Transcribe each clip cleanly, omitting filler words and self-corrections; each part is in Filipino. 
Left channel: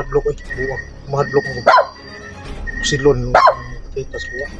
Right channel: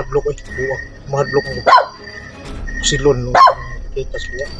mahadlok eh. Buwak. Mahadlok mo. Silon. Kita sa buwak.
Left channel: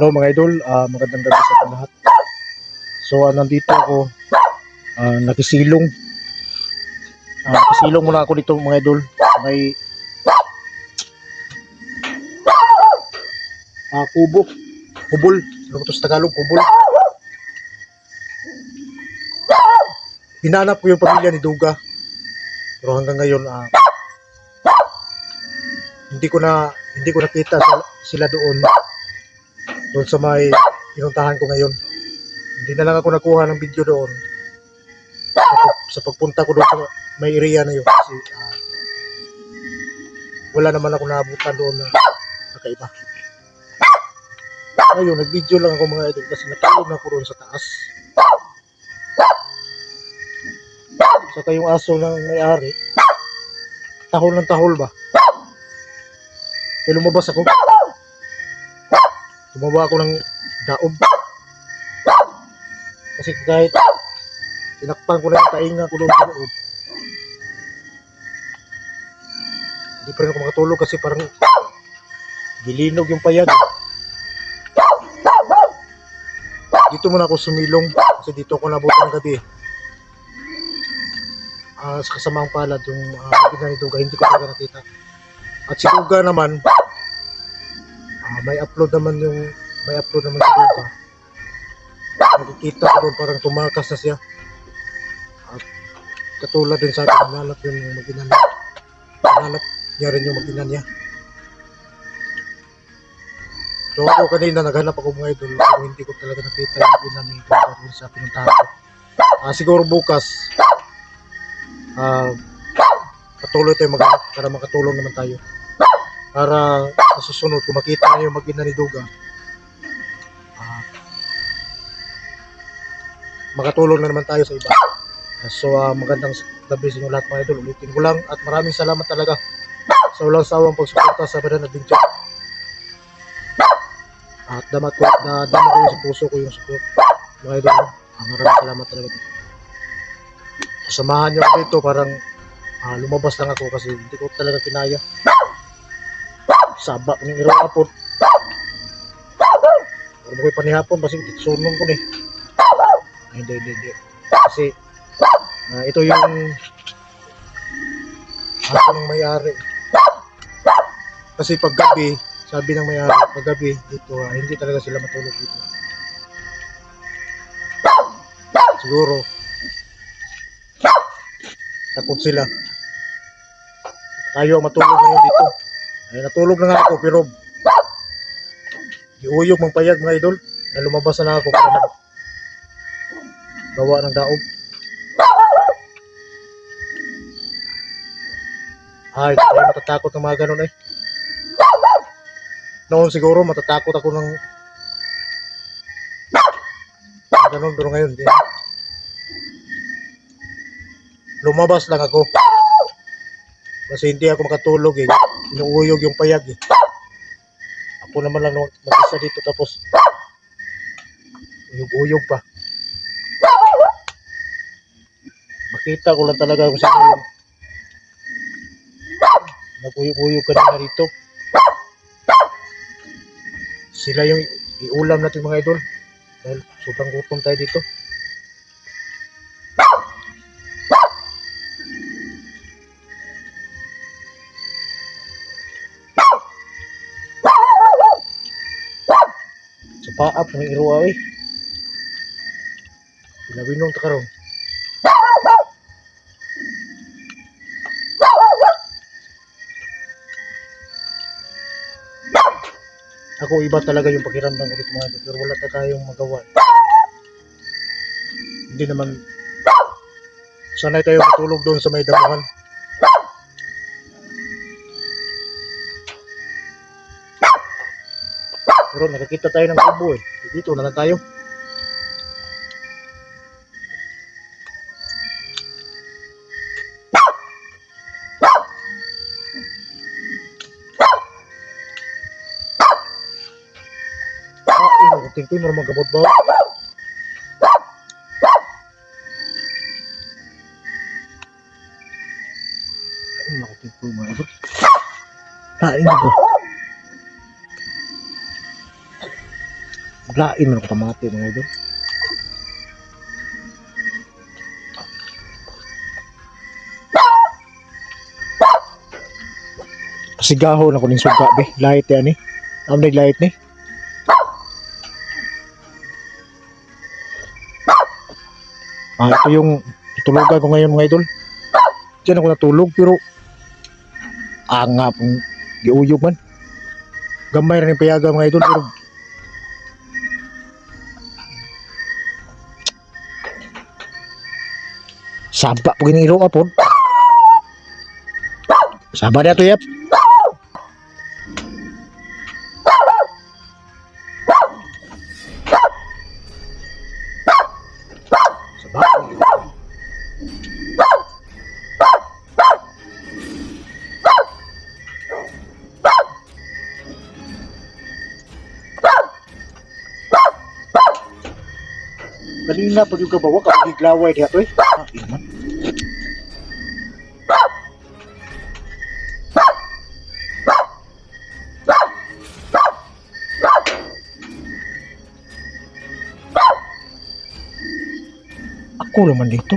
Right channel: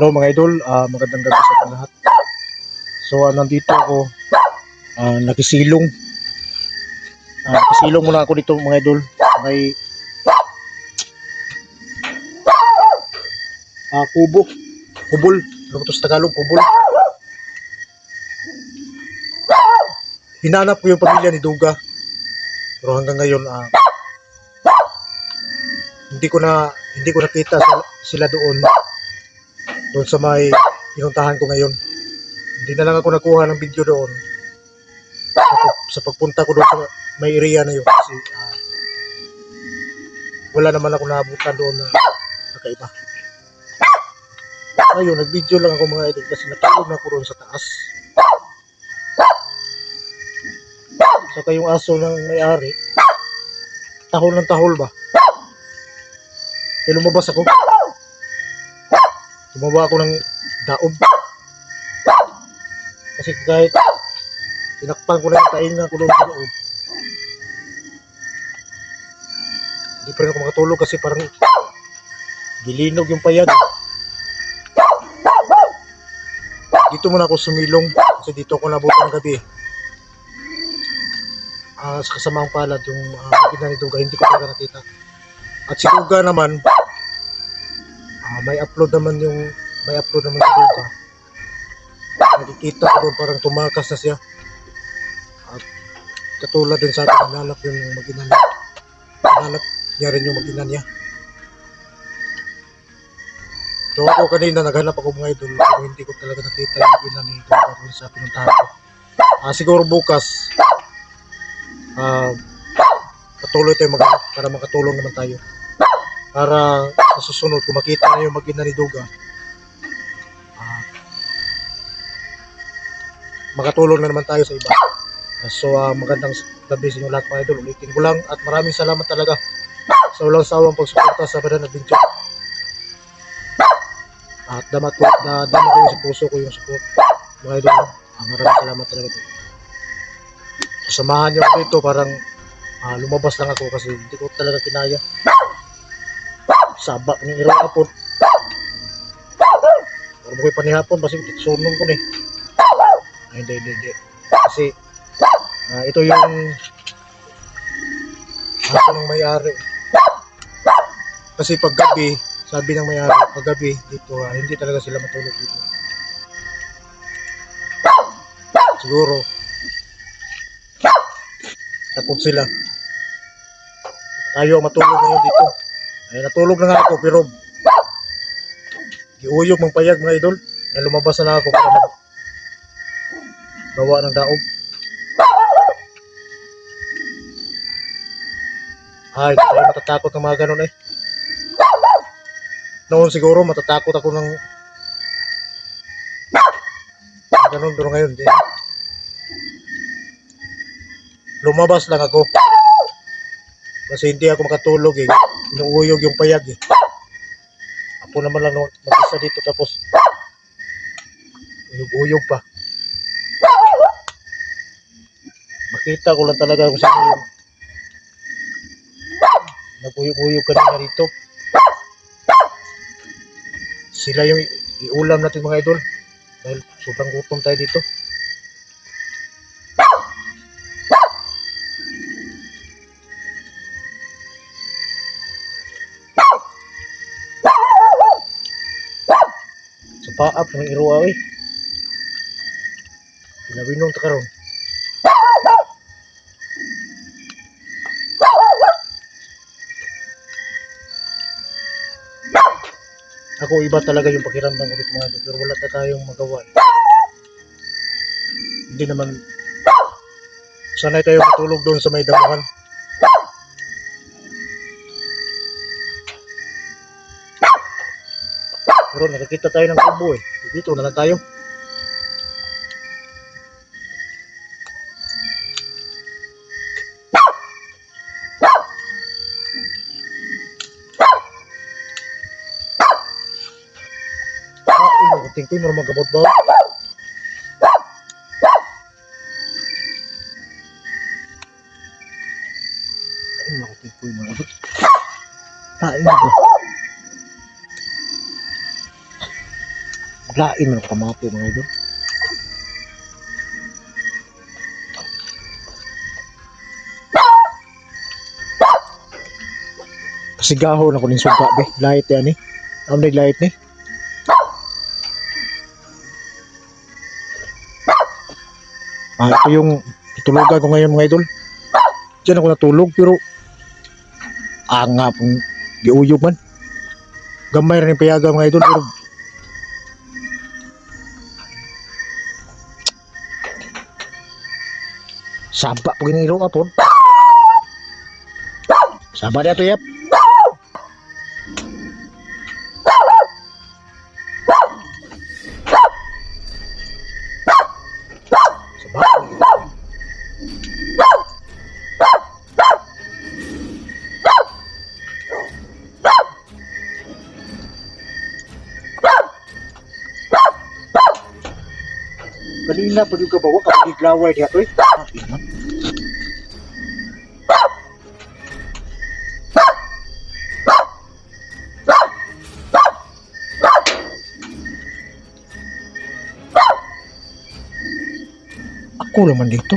Hello mga idol, magandang gabi sa ating lahat. So nandito ako, nakisilong. Nakisilong muna ako dito mga idol. May kubo, kubol. Ano ito sa Tagalog? Kubol. Hinanap ko yung pamilya ni Duga. Pero hanggang ngayon, hindi ko nakita sila doon sa may pinuntahan ko ngayon. Hindi na lang ako nakuha ng video doon sa pagpunta ko doon sa may area na yun kasi wala naman ako naabutan doon na nakaiba. Ayun, nag-video lang ako mga idol kasi natulog na ako doon sa taas. Saka yung aso ng may-ari, tahol ng tahol ba? Kaya lumabas ako. Tumawa ako ng daob. Kasi kahit tinakpan ko na yung tainga ko doon sa loob, hindi pa rin ako makatulog kasi parang gilinog yung payag. Dito muna ako sumilong kasi dito ako nabutan ng gabi. Sa kasamaang palad yung magina ni Duga, hindi ko talaga nakita. At si Duga naman, may upload naman si Duga. Nakikita ko doon parang tumakas na siya. At katulad din sa akin, nanalap yun yung mag-ina niya. Nanalap niya rin yung mag-ina niya. So ako kanina naghanap ako mga idol pero hindi ko talaga nakita yung mag-ina ni Duga doon sa pinuntahan ko. Siguro bukas patuloy tayo maghanap para makatulong naman tayo. Para sa susunod kung makita na yung mag-ina ni Duga, makatulong na naman tayo sa iba. So magandang gabi sa inyo lahat mga idol. Ulitin ko lang at maraming salamat talaga sa walang sawang pagsuporta sa Badan Adventure. At dama ko yung sa puso ko yung support mga idol. Maraming salamat talaga. So, samahan nyo ako dito, parang lumabas lang ako kasi hindi ko talaga kinaya. Sabak ng irong hapon. Pero mo ko'y panihapon, kasi sunong ko eh. Hindi. Kasi ito yung aso ng may-ari. Kasi paggabi, sabi ng may-ari, paggabi dito, hindi talaga sila matulog dito. Siguro, takot sila. Tayo matulog ngayon dito. Ay, natulog na nga ako pero giuyog mang payag mga idol. Ay, lumabas na ako para gawa ng daob. Ay, tayo matatakot ng mga ganun eh. Noon siguro matatakot ako ng ganun pero ngayon din. Lumabas lang ako. Kasi hindi ako makatulog eh. Inuuyog yung payag eh. Ako naman lang mag-isa dito tapos uyog-uyog pa. Makita ko lang talaga kung sino yung nag-uyog-uyog kanina dito. Sila yung iulam natin mga idol. Dahil sobrang gutom tayo dito. Paap ng iruwa eh. Pinabinong ta karon. Ako iba talaga yung pakiramdam ko dito mga idol, pero wala tayong magawa. Hindi naman Sanay tayo matulog doon sa may damuhan. Pero nakakita tayo ng kubo eh. Dito na lang tayo. Tingting mo magabot ba? Ay, nakutingting mo magabot. Lain ba? Lain mo nakamati mga idol. Pasigahon ako ng suga be. Light yan eh. Ang light ni. Ito yung tutulugan ko ngayon mga idol. Diyan ako natulog pero nga pong giuyog man. Gamay rin yung payaga mga idol pero saba po ginilo apod. Saba na ito yap. Kanina pa yung kabawa kapag iglaway diya to eh. Iman. Ako naman dito.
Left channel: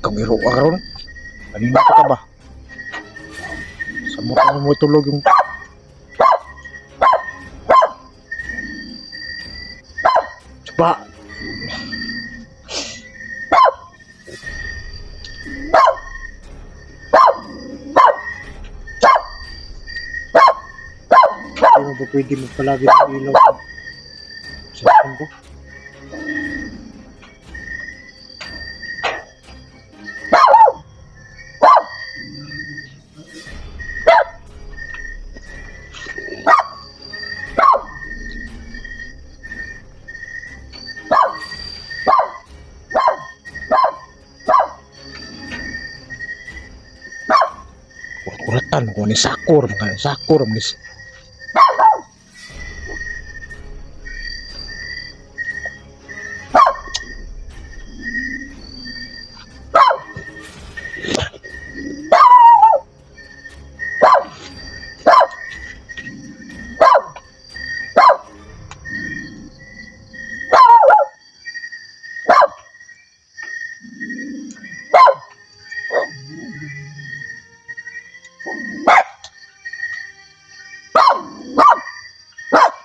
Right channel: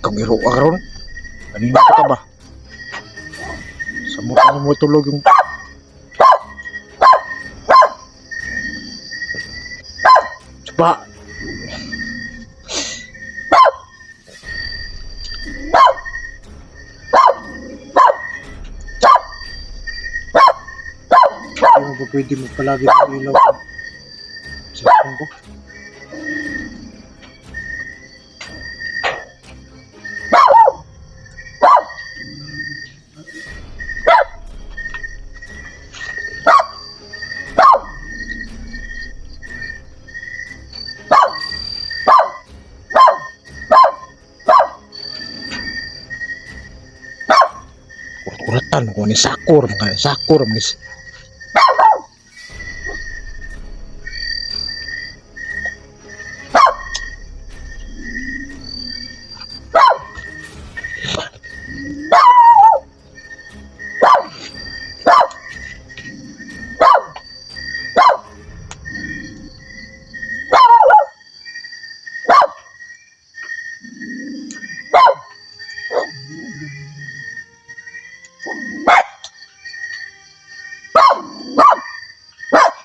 Ikaw ngiro ka ron. Kanina pa ka ba? Sa mukha mo tulog yung Saba. Hindi mo ba pwede magpalagi ng ilaw sa cellphone ko? Kuratan ko ni sakur mga sakur mis.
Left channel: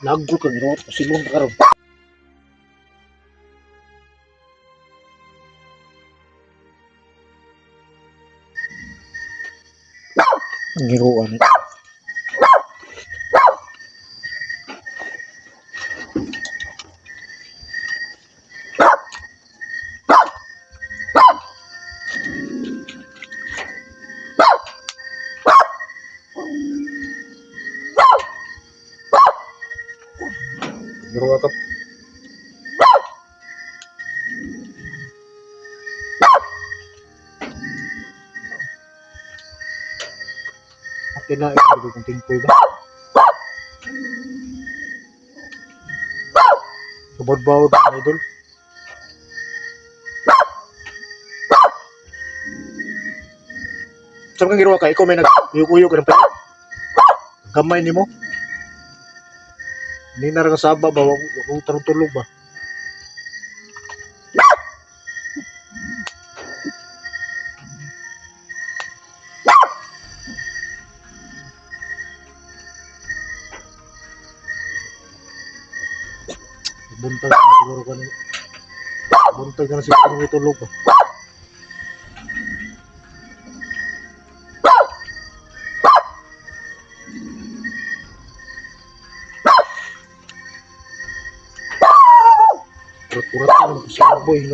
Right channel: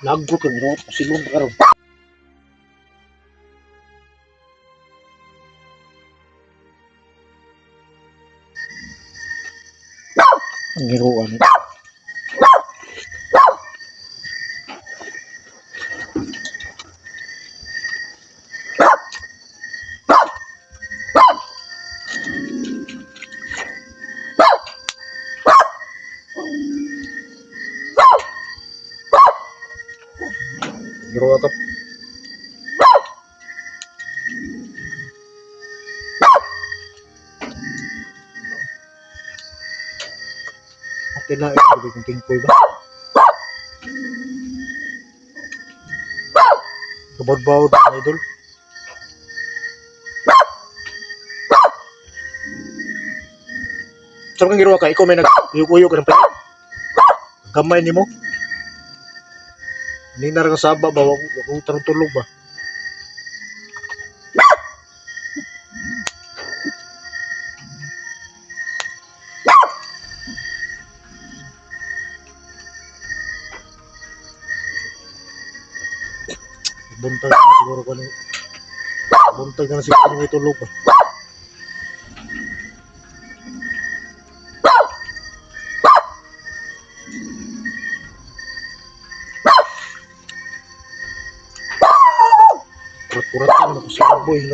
Lago ka ngiro pasilong ka ron. Ngiroan. Ngiro ka. Kailangan ito kung tingkoy ba? Kabod-bawod mga idol. Saan kang ginawa ka? Ikaw may nag-uyog-uyog ka ng pala. Gamay ni mo. Hindi na rin saba ba? Huwag tarong-tulog ba? Buntag na siguro ka na. Buntag na siguro may tulog ba? Kurat-kurat ka naman si Baboy.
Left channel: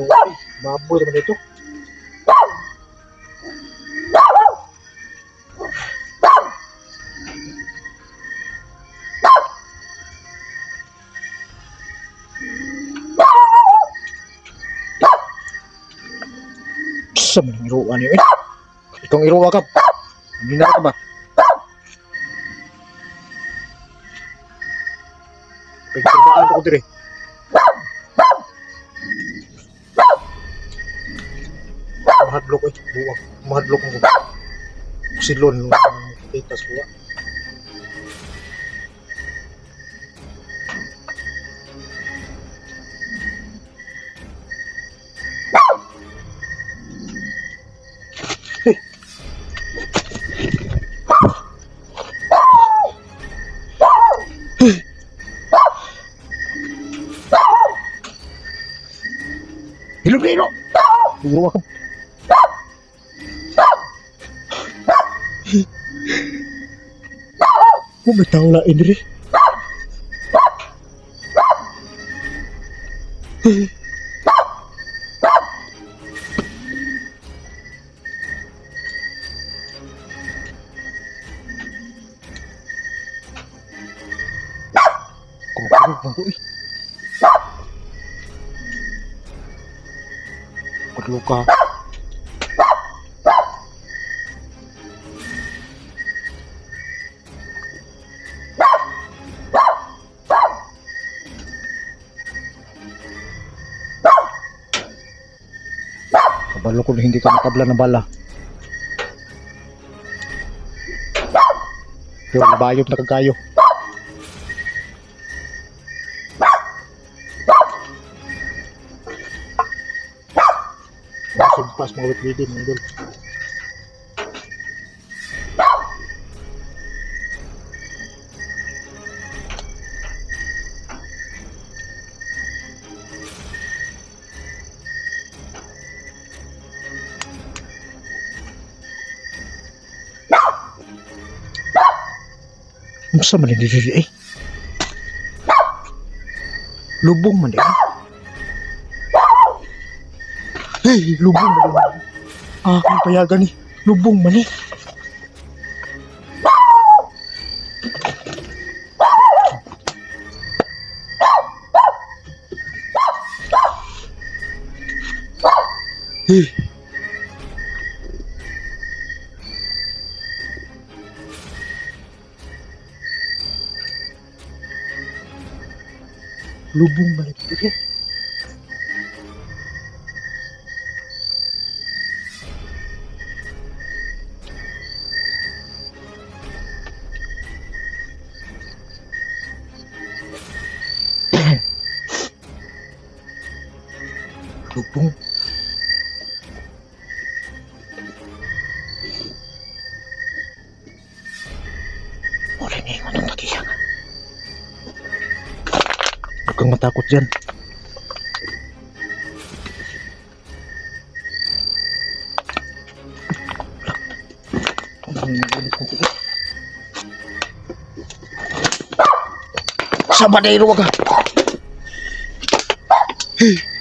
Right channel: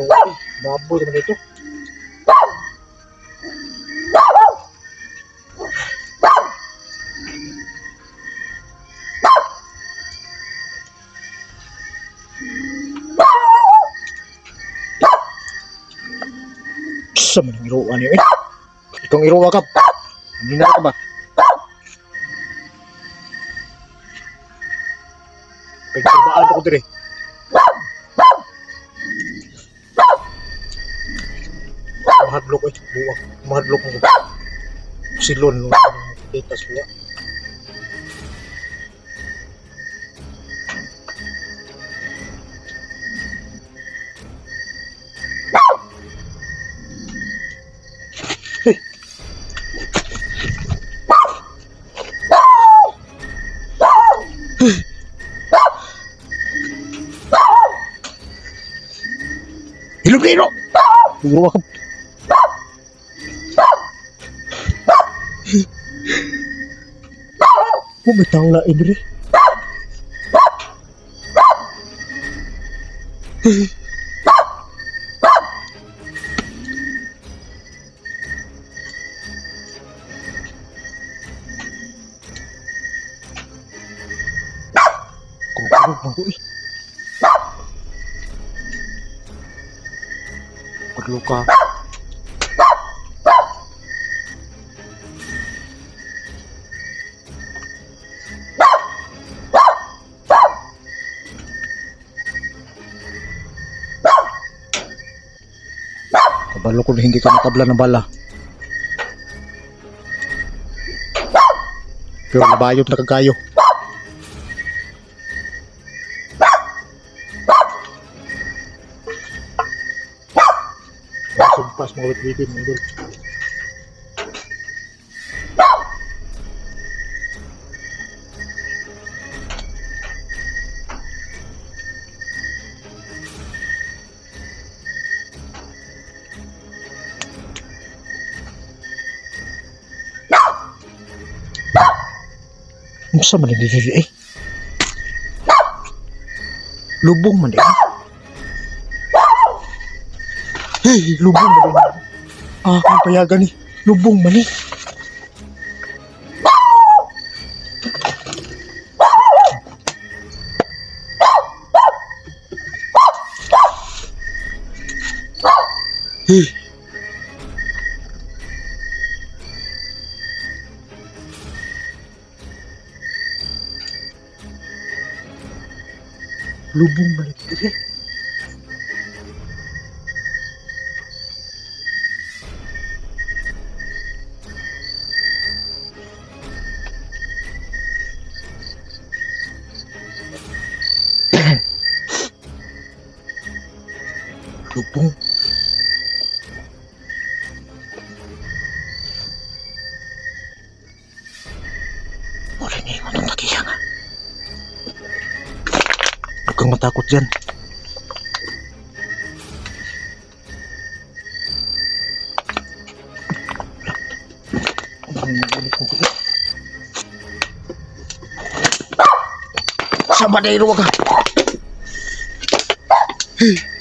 Baboy naman ito. Sa manang iruan niyo eh. Itong iruwa ka. Hindi ka ba? Pagkabaan ako dire. Mahadlok eh. Buwag. Mahadlok mo. Silon. Kita suwa. Hilog-hilo! Iruwa ka. May tao na Idri. Kumakulog ako eh. Luka. Kabalo ko na hindi ka makabla ng bala. Pero nabayot na kagayo. Sumpas mga wit-witin mga idol. Masa man diri eh? Lubong man din. Hey, lubong man din. Kung payagan ni. Lubong man eh. Hey. Lubong balik diri. Lubong. Wala niya yung anong tagihan. Huwag kang matakot dyan. Sama na iruwa ka. Hey.